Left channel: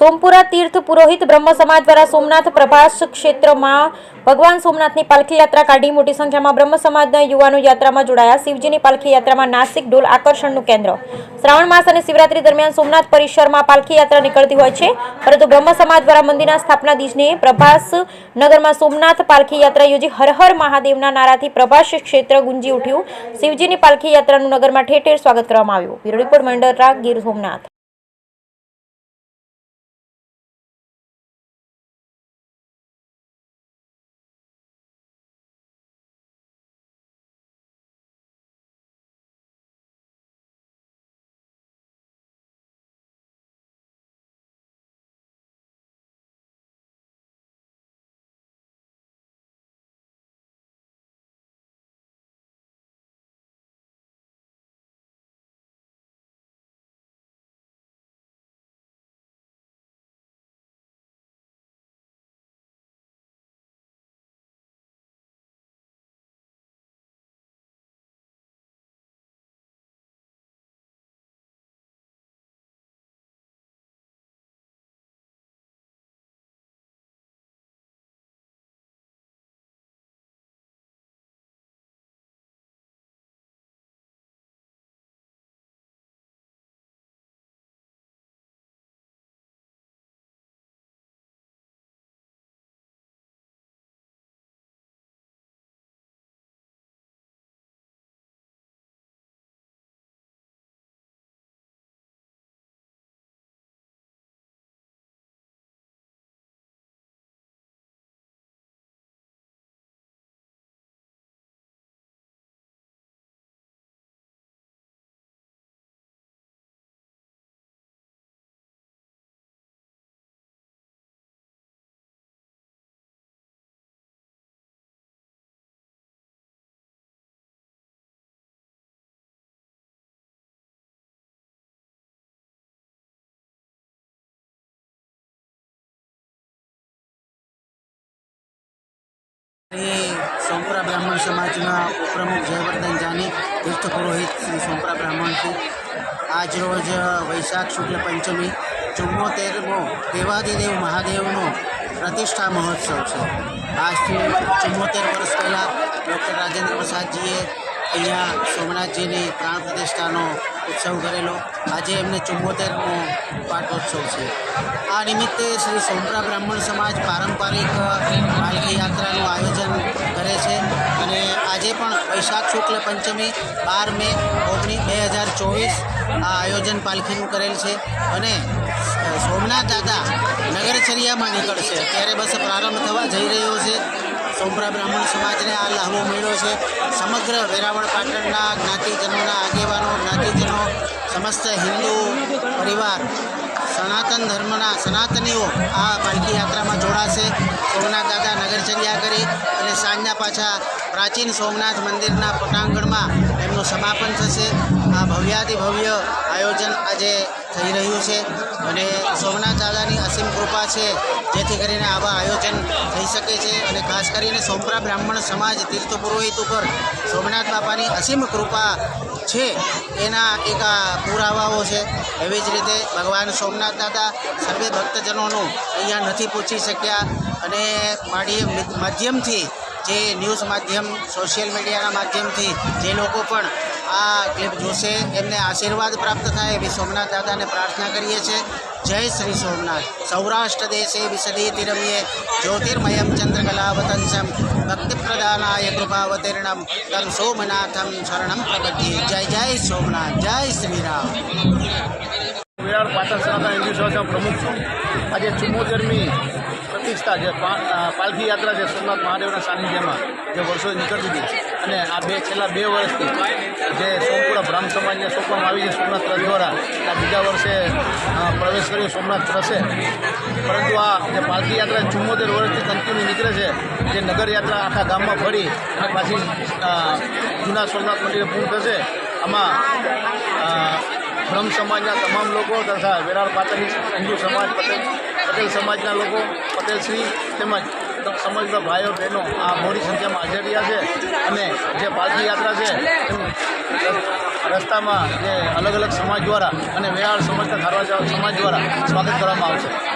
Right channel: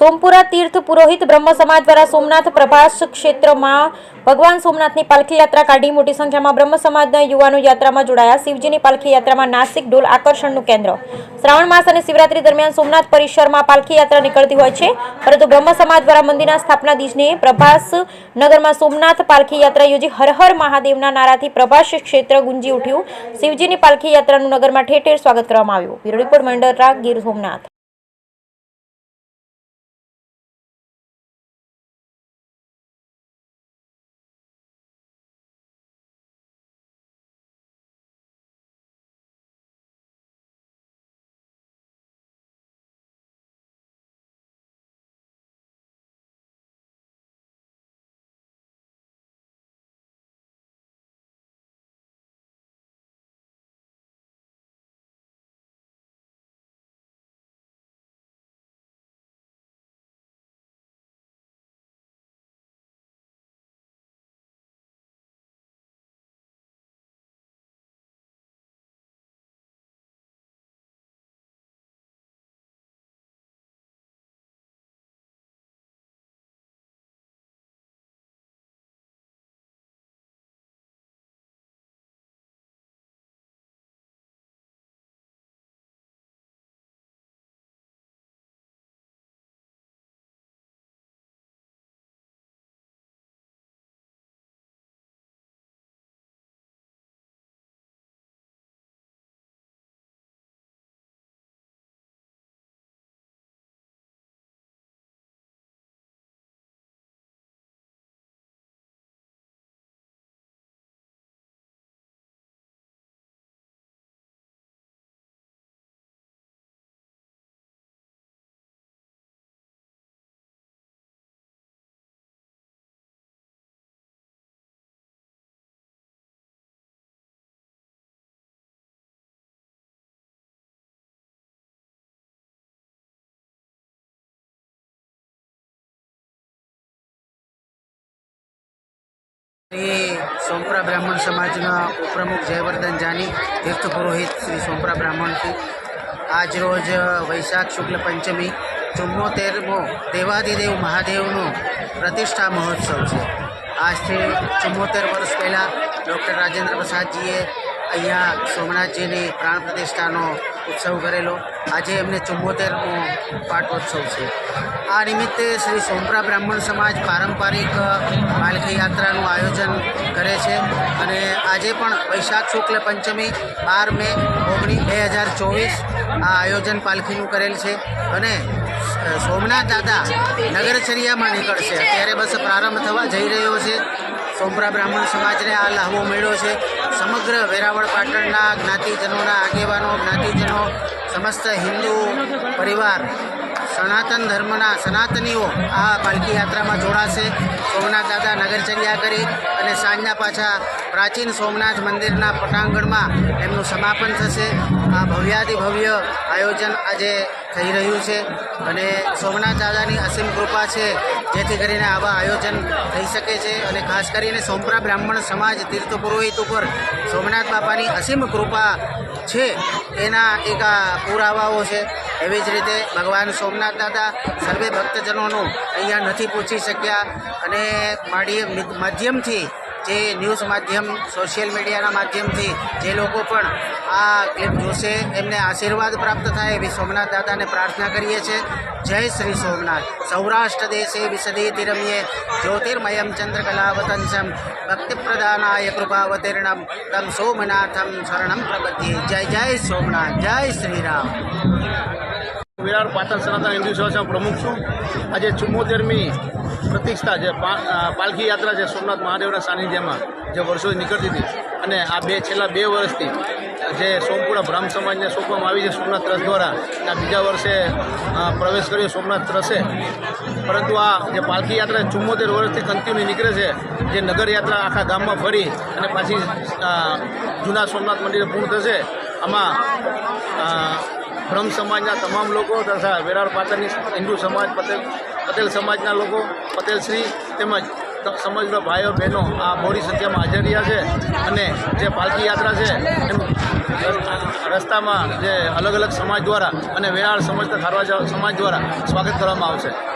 સોમપુરા તીર્થ પુરોહિત બ્રહ્મ સમાજ દ્વારા સોમનાથ પ્રભાસ ક્ષેત્રમાં ભગવાન સોમનાથની પાલખી યાત્રા કાઢી મોટી સંખ્યામાં બ્રહ્મ સમાજના યુવાનો યાત્રામાં જોડાયા. શિવજીની પાલખી યાત્રામાં નાસિક ઢોલ આકર્ષણનું કેન્દ્ર. શ્રાવણ માસ અને શિવરાત્રી દરમિયાન સોમનાથ પરિસરમાં પાલખી યાત્રા નીકળતી હોય છે, પરંતુ બ્રહ્મ સમાજ દ્વારા મંદિરના સ્થાપના દિવસને પ્રભાસ નગરમાં સોમનાથ પાલખી યાત્રા યોજી હર હર મહાદેવના નારાથી પ્રભાસ ક્ષેત્ર ગુંજી ઉઠ્યું. શિવજીની પાલખી યાત્રાનું નગરમાં ઠેર ઠેર સ્વાગત કરવામાં આવ્યું. બ્યુરો રિપોર્ટ મંડળ ગીર સોમનાથ. श्री सोमपुरा ब्राह्मण समाजना उपप्रमुख जयवर्धन जानी तीर्थ पुरोहित श्री सोमपुरा ब्राह्मण की आज रोज वैशाख शुक्ल पंचमी 74मो देवादिदेव महादेवनो प्रतिष्ठा महोत्सव है। आज से 74 वर्ष पहला डॉक्टर राजेंद्र प्रसादजीए अहींया सोमनाथजीनी प्राण प्रतिष्ठानो उत्सव करेलो। आज एमने 74मो पाटोत्सव है। आ निमित्ते श्री सोमपुरा ब्राह्मण समाज पारंपरिक पालकी यात्राનું आयोजन करे छे અને આજે પણ વૈશાખ શુક્લ પંચમી 12 મે 2024 આ આયોજન પાલખીનું કરેલ છે અને સોમનાથ દાદા નગરચર્યામાં નીકળશે। અત્યારે બસ પ્રારંભ થવા જઈ રહ્યો છે। સોમપુરા બ્રાહ્મણ સમાજને આ લાહવો મળ્યો છે। સમગ્ર વેરાવળ પાટણના જ્ઞાતિજનોના આગેવાનો જ્ઞાતિજનો સમસ્ત હિન્દુ પરિવાર સનાતન ધર્મના સનાતનીઓ આ પાલકી યાત્રામાં જોડાશે। સોમનાથ દાદા નગરચર્યા કરી અને સાંજના પાછા પ્રાચીન સોમનાથ મંદિરના પટાંગણમાં એમનું સમાપન થશે। આ ભવ્યાતિ ભવ્ય આયોજન આજે થઈ રહ્યું છે અને સોમનાથ દાદાની અસીમ કૃપા છે જેથી કરીને આવા આયોજન થઈ શકે છે અને ખાસ કરીને સોમપુરા બ્રાહ્મણ સમાજ તીર્થ પુરોહિત ઉપર સોમનાથ બાપાની અસીમ કૃપા છે એના એક પુરાવાઓ છે। એવી જ રીતે ભગવાન સોમનાથ દાદા સર્વે ભક્તજનોનું અહીંયા નથી પૂછી શક્યા અને માધ્યમથી જે ન્યૂઝ માધ્યમ સોશિયલ મીડિયાના માધ્યમથી જે લોકો પણ આ ક્લિપ જોશે એમને આશીર્વાદ પ્રાપ્ત થાય એવી સોમનાથ દાદાને પ્રાર્થના કરીએ છીએ। જય શ્રી સોમનાથ। સૌરાષ્ટ્ર દેશે વિસદેતિ રમ્યે જ્યોતિર્મયમ ચંદ્રકલાવતંસમ ભક્તિપ્રદાનાય કૃપાવતીર્ણમ તમ સોમનાથમ શરણમ પ્રપદ્યે। જય જય સોમનાથ। જય શ્રી રામ। વિરાર પાટણ સનાતન હિન્દુ સમાજના પ્રમુખ છું। આજે 74મી પ્રતિષ્ઠા જે પાલખી યાત્રા છે સોમનાથ મહાદેવના સાનિધ્યમાં જે વર્ષો નીકળતી હતી અને આ છેલ્લા 2 વર્ષથી જે સોમપુરા બ્રાહ્મ સમાજને સોંપવામાં આવી છે સોમનાથ ટ્રસ્ટ દ્વારા આ બીજા વર્ષે પ્રવેશ કર્યો સોમનાથ ટ્રસ્ટે। પરંતુ આ જે પાલખી યાત્રા 74 વર્ષથી કન્ટિન્યુ નીકળે છે જે નગર યાત્રા આખા ગામમાં ફરી અને પાછી જૂના સોમનાથ મંદિરે પૂર્ણ થશે। આમાં બ્રહ્મ સમાજના તમામ લોકો તથા વેરાવળ પાટણની હિન્દુ સમાજ પટેલ સમાજના લોકો પટેલ શ્રી તેમજ સમગ્ર ભાઈઓ બહેનો આ મોટી સંખ્યામાં હાજર રહ્યા છે અને જે પાલખી યાત્રા છે એનું રસ્તામાં જે અલગ અલગ સમાજ દ્વારા અને વેરાળ સમજતા ખારવા સમાજ દ્વારા સ્વાગત કરવામાં આવશે.